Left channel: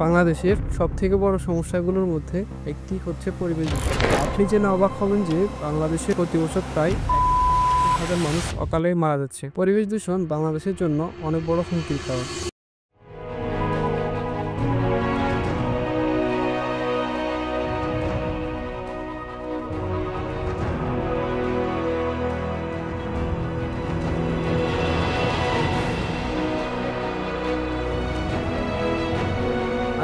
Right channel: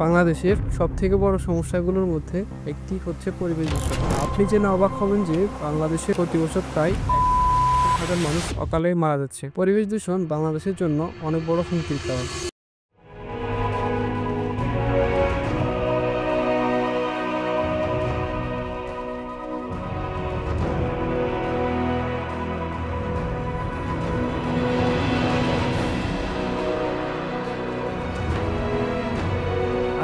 বাংলাদেশের সবথেকে বড় সমস্যাগুলোর মধ্যে একটি হচ্ছে পরিবেশ দূষণ। আপনি জেনে অবাক হবেন যে বাংলাদেশে প্রতি বছর প্রায় 1,000 মানুষ অকালে মারা যাচ্ছে। পরিবেশ দূষণ বাংলাদেশের জন্য অনেক বড় হুমকির কারণ।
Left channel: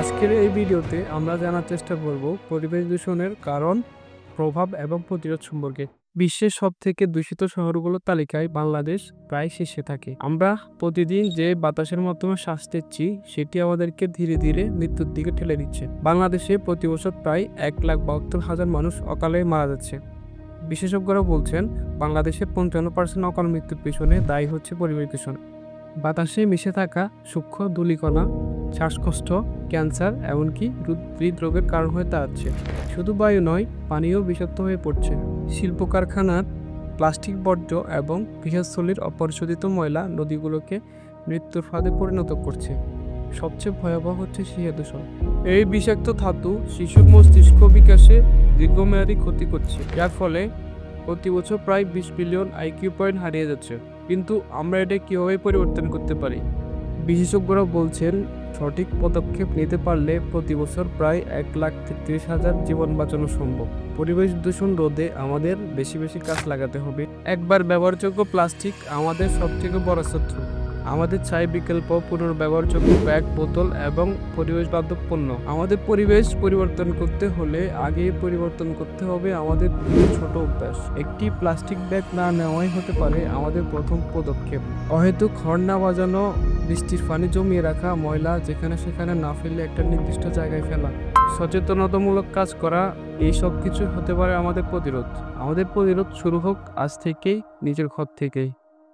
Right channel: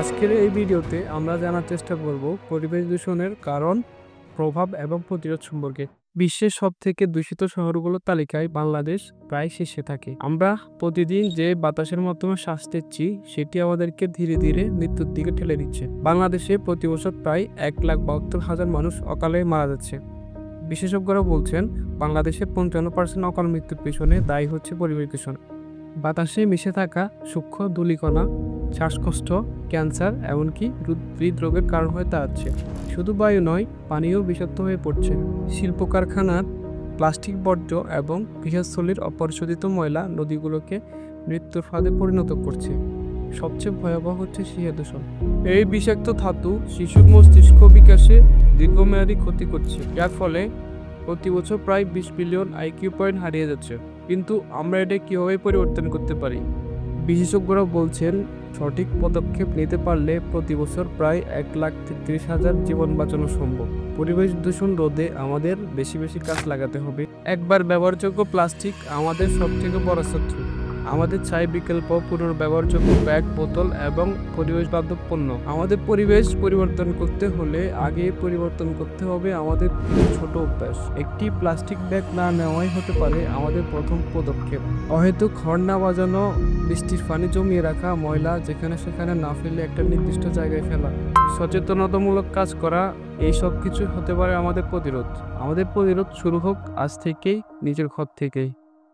আজকের এই ভিডিওতে আমরা জানার চেষ্টা করব পরিবেশ দূষণের কারণ, প্রভাব এবং প্রতিরোধ সম্পর্কে। বিশ্বের সবথেকে দূষিত শহরগুলোর তালিকায় বাংলাদেশ প্রায় শীর্ষে থাকে। আমরা প্রতিদিন যে বাতাসের মাধ্যমে শ্বাস নিচ্ছি সেটি আমাদেরকে ধীরে ধীরে মৃত্যুর দিকে ঠেলে দিচ্ছে। বাংলাদেশে প্রতি বছর প্রায় 1,72,000 মানুষ অকালে মারা যাচ্ছে। বিশেষজ্ঞরা বলছেন বাংলাদেশে 55% অকাল মৃত্যুর পেছনে দায়ী হচ্ছে পরিবেশ দূষণ। বাতাসে মিশে থাকা সূক্ষ্ম ধূলিকণা শ্বাসকষ্ট, ক্যান্সার এমনকি হৃদরোগের কারণ হয়ে দাঁড়াচ্ছে। শুধু বায়ু নয়, পানিও বিষাক্ত হয়ে পড়ছে। শিল্প কারখানার প্লাস্টিক বর্জ্য এবং গৃহস্থলীর অপরিশোধিত ময়লা নদীগুলোকে মৃত্যুর ফাঁদে পরিণত করছে। সবচেয়ে ভয়াবহ হচ্ছে শিয়া দূষণ। এই বিষাক্ত ধাতু শিশুর মস্তিষ্ক বিকাশে দীর্ঘমেয়াদী ক্ষতি করছে, যার ফলে প্রতি বছর প্রায় 20 বিলিয়ন আইকিউ পয়েন্ট হারিয়ে যাচ্ছে। কিন্তু আমরা এটা কীভাবে পরিবর্তন করতে পারি? বিশেষজ্ঞরা বলছেন সঠিক পদক্ষেপ নিতে পারলে প্রতি বছর প্রায় 1,33,000 জীবন বাঁচানো সম্ভব। পরিবেশ দূষণ রোধে আমাদের বেশি বেশি কাজ লাগাতে হবে। একবার ব্যবহারযোগ্য প্লাস্টিক আমাদের সবথেকে বড় শত্রু। আমাদের চাই বিকল্প পুনর্ব্যবহারযোগ্য ব্যাগ, বোতল এবং পরিবেশ বান্ধব পণ্য। আমাদের পরিবেশ পরিবর্তন করতে হলে আগে পরিবর্তন করতে হবে আমাদের ছোট অভ্যাস। একটি প্লাস্টিক ব্যাগ না নেওয়াই হতে পারে আমাদের প্রথম পদক্ষেপ। অহেতুক হর্ন না বাজানো, বৃষ্টির পানি জমিয়ে রাখা, ময়লা যেখানে সেখানে না ফেলে একটা নির্দিষ্ট জায়গায় ফেলা, সচেতনতামূলক কাজ করা, এই সব কিছু হতে পারে আমাদের প্রতিরোধ। আমাদের প্রতিরোধ শুরু হোক আজ থেকেই, নিজের ঘর থেকেই।